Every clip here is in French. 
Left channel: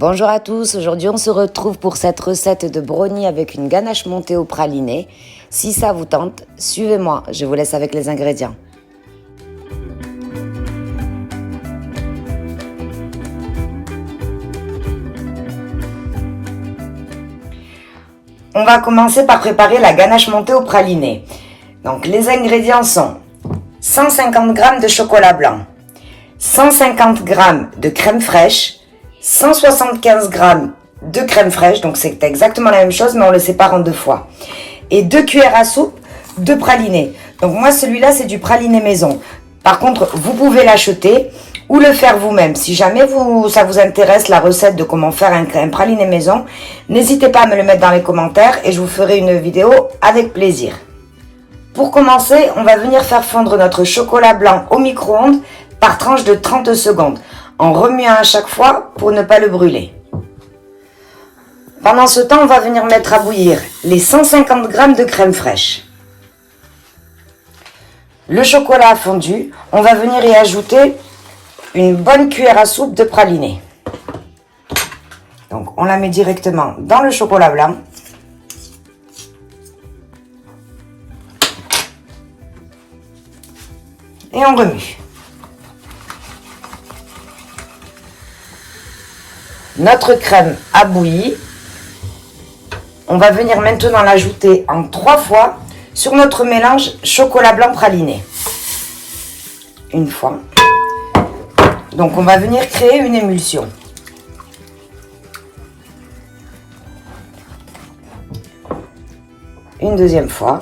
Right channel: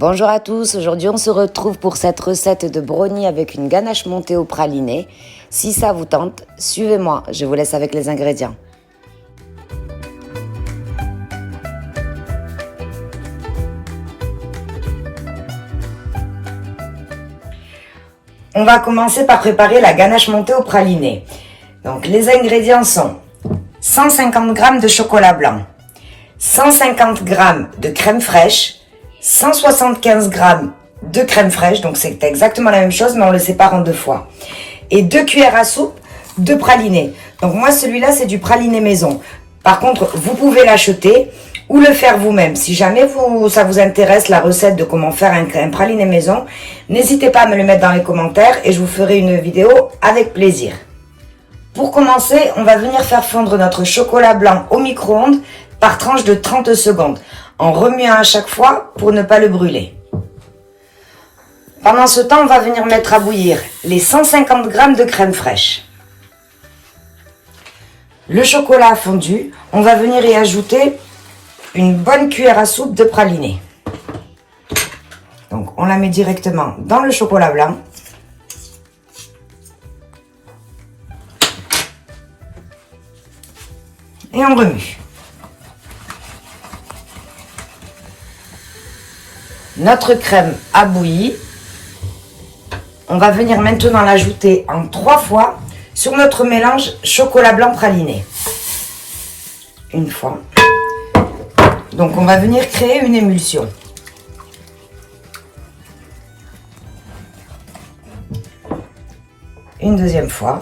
Bonjour à tous, aujourd'hui on se retrouve pour cette recette de brownie avec une ganache montée au praliné. Si ça vous tente, suivez-moi, je vous laisse avec les ingrédients. On va commencer par préparer la ganache montée au praliné. Donc les ingrédients sont 150 g de chocolat blanc, 150 g de crème fraîche, 175 g de crème fraîche, donc c'est exactement la même chose mais on le sépare en deux fois. Et 2 cuillères à soupe de praliné. Donc moi celui-là c'est du praliné maison. Par contre vous pouvez l'acheter ou le faire vous-même. Si jamais ça vous intéresse la recette de comment faire un praliné maison, n'hésitez pas à me le mettre dans les commentaires et je vous ferai une vidéo avec plaisir. Pour commencer, on va venir faire fondre notre chocolat blanc au micro-ondes par tranche de 30 secondes, en remuant à chaque fois pour ne pas le brûler. Pendant ce temps, on va venir mettre à bouillir les 150 g de crème fraîche. Le chocolat fondu, on va venir y ajouter une bonne cuillère à soupe de praliné. Donc on la met directement dans le chocolat blanc. Et on remue. Notre crème a bouilli. On va venir maintenant l'ajouter en 3 fois sur notre mélange chocolat blanc praliné. Une fois. Donc on va venir créer une émulsion. Une deuxième fois.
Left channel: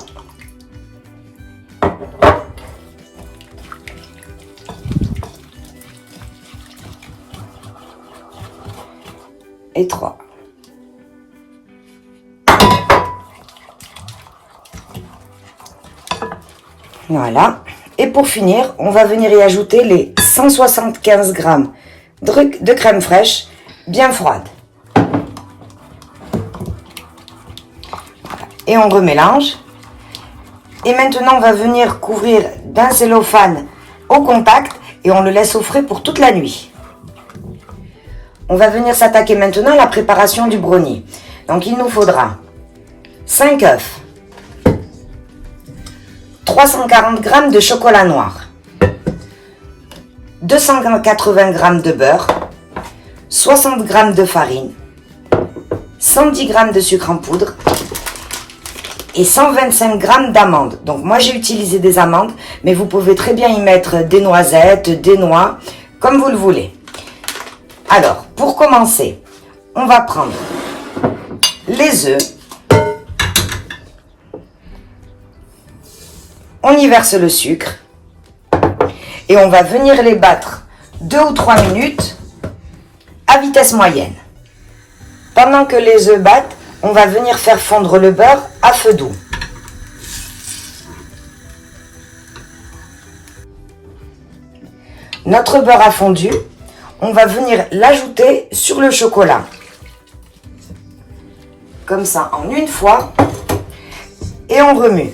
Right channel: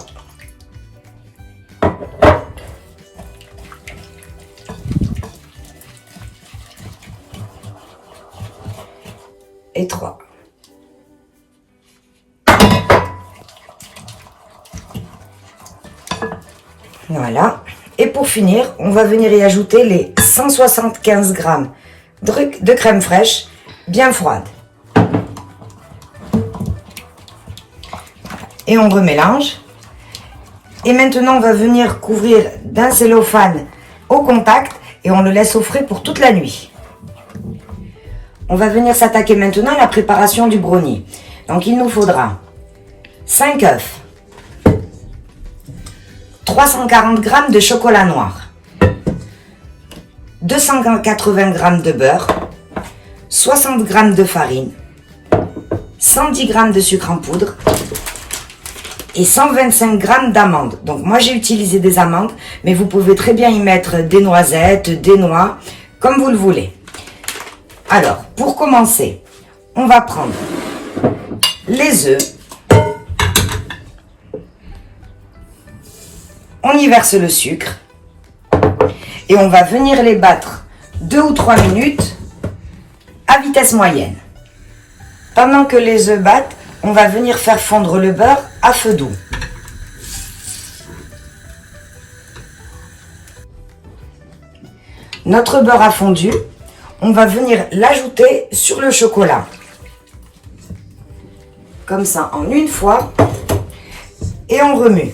Et 3. Voilà. Et pour finir, on va venir y ajouter les 175 g de crème fraîche bien froide. Et on remélange. Et maintenant, on va venir couvrir d'un cellophane au contact et on le laisse au frais pour toute la nuit. On va venir s'attaquer maintenant à la préparation du brownie. Donc il nous faudra 5 œufs, 340 g de chocolat noir, 280 g de beurre, 60 g de farine, 110 g de sucre en poudre et 125 g d'amandes. Donc moi j'ai utilisé des amandes, mais vous pouvez très bien y mettre des noisettes, des noix, comme vous le voulez. Alors, pour commencer, on va prendre les œufs. On y verse le sucre. Et on va venir les battre 2 ou 3 minutes à vitesse moyenne. Pendant que les œufs battent, on va venir faire fondre le beurre à feu doux. Notre beurre a fondu. On va venir l'ajouter sur le chocolat. Comme ça, en une fois. Et on remue.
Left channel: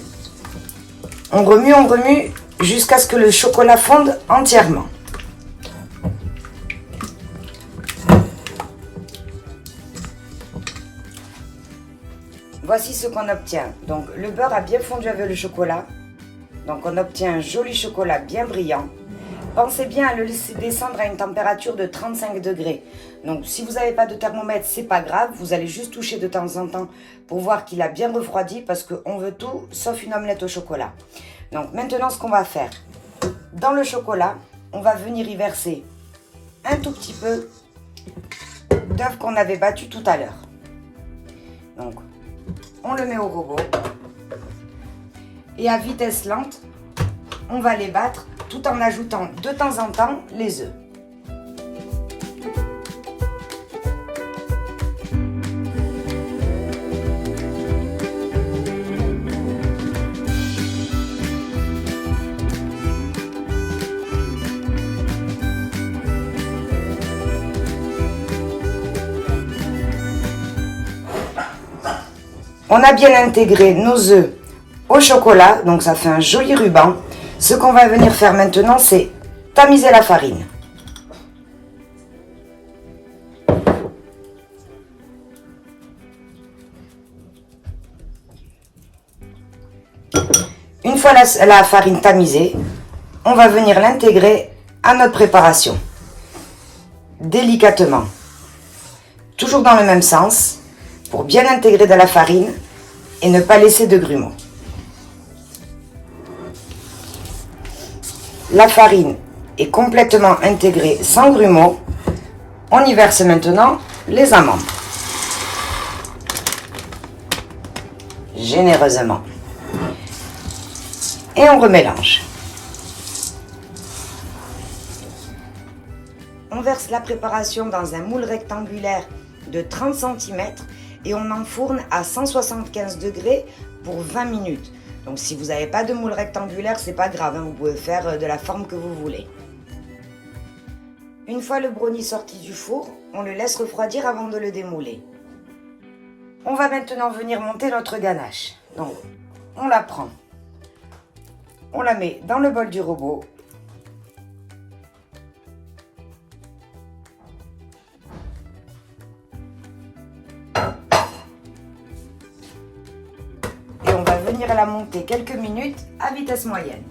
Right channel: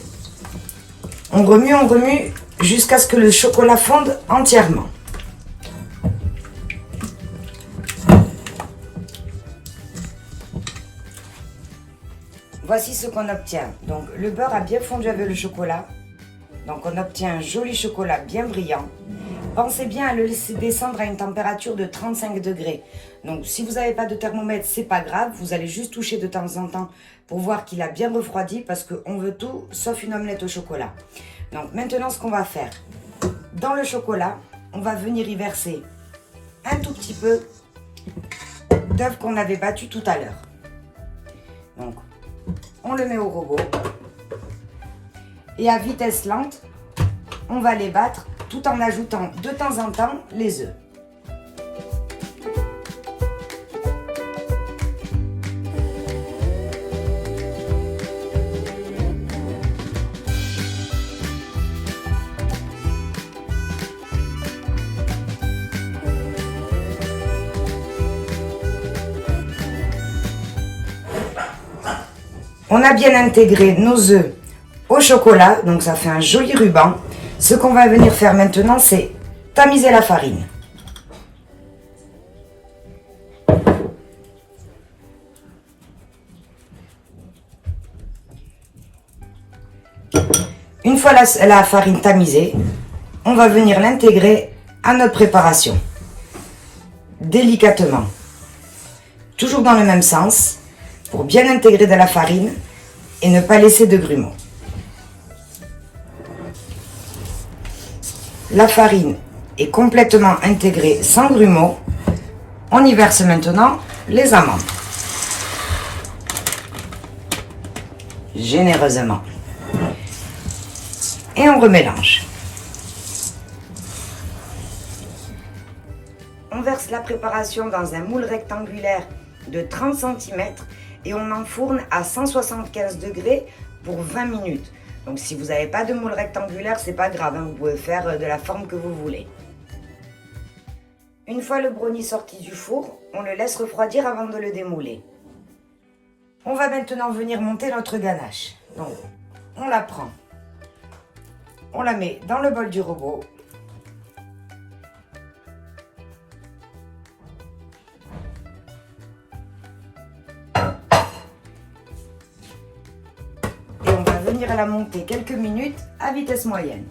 On remue jusqu'à ce que le chocolat fonde entièrement. Voici ce qu'on obtient. Donc le beurre a bien fondu avec le chocolat. Donc on obtient un joli chocolat bien brillant. Pensez bien à le laisser descendre à une température de 35 degrés. Donc si vous n'avez pas de thermomètre, c'est pas grave. Vous allez juste toucher de temps en temps pour voir qu'il a bien refroidi parce qu'on veut tout sauf une omelette au chocolat. Donc maintenant ce qu'on va faire, dans le chocolat, on va venir y verser un tout petit peu d'œuf qu'on avait battu tout à l'heure. Donc on le met au robot et à vitesse lente, on va les battre tout en ajoutant de temps en temps les œufs. On a bien intégré nos œufs au chocolat, donc ça fait un joli ruban. Ce qu'on va venir faire maintenant, c'est tamiser la farine. fois la farine tamisée, on va venir l'intégrer à notre préparation. Délicatement. Toujours dans le même sens, pour bien intégrer de la farine et ne pas laisser de grumeaux. La farine est complètement intégrée sans grumeaux. On y verse maintenant les amandes. Généreusement. Et on remélange. On verse la préparation dans un moule rectangulaire de 30 cm et on enfourne à 175 degrés pour 20 minutes. Donc si vous n'avez pas de moule rectangulaire, c'est pas grave, hein, vous pouvez faire de la forme que vous voulez. Une fois le brownie sorti du four, on le laisse refroidir avant de le démouler. On va maintenant venir monter notre ganache. Donc on la prend, on la met dans le bol du robot. Et on va venir la monter quelques minutes à vitesse moyenne.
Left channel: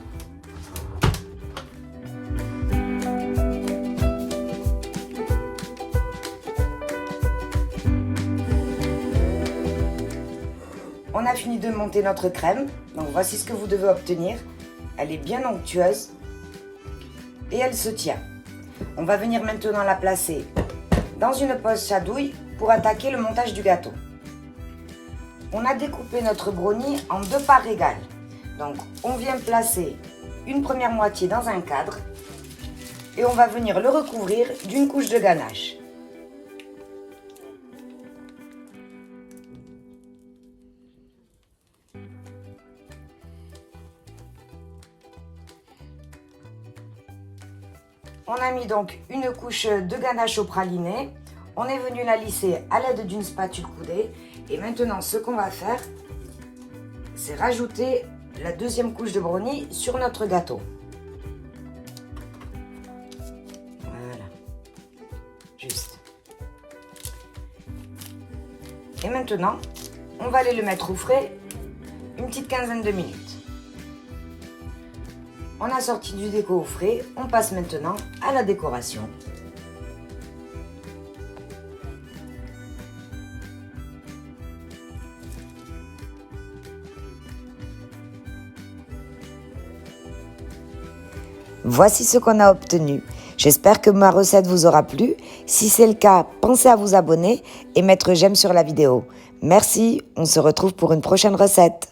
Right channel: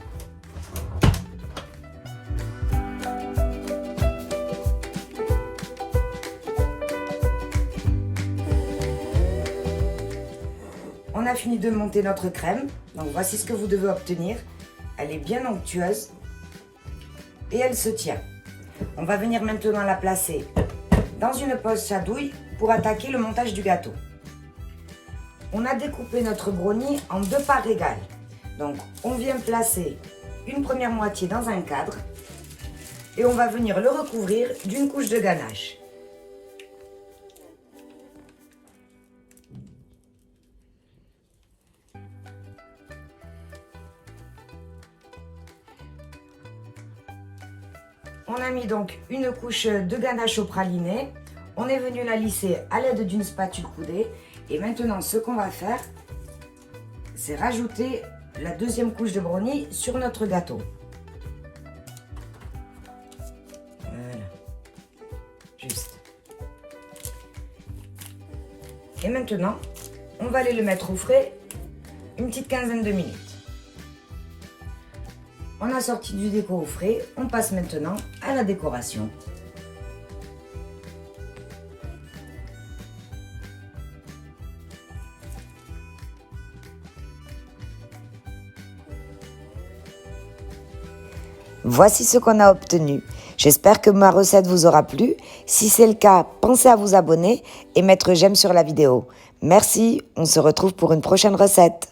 On a fini de monter notre crème, donc voici ce que vous devez obtenir. Elle est bien onctueuse et elle se tient. On va venir maintenant la placer dans une pose chatouille pour attaquer le montage du gâteau. On a découpé notre brownie en 2 parts égales. Donc on vient placer une première moitié dans un cadre et on va venir le recouvrir d'une couche de ganache. On a mis donc une couche de ganache au praliné. On est venu la lisser à l'aide d'une spatule coudée. Et maintenant, ce qu'on va faire, c'est rajouter la deuxième couche de brownie sur notre gâteau. Voilà. Juste. Et maintenant, on va aller le mettre au frais une petite quinzaine de minutes. On a sorti du déco au frais, on passe maintenant à la décoration. Voici ce qu'on a obtenu. J'espère que ma recette vous aura plu. Si c'est le cas, pensez à vous abonner et mettre j'aime sur la vidéo. Merci, on se retrouve pour une prochaine recette.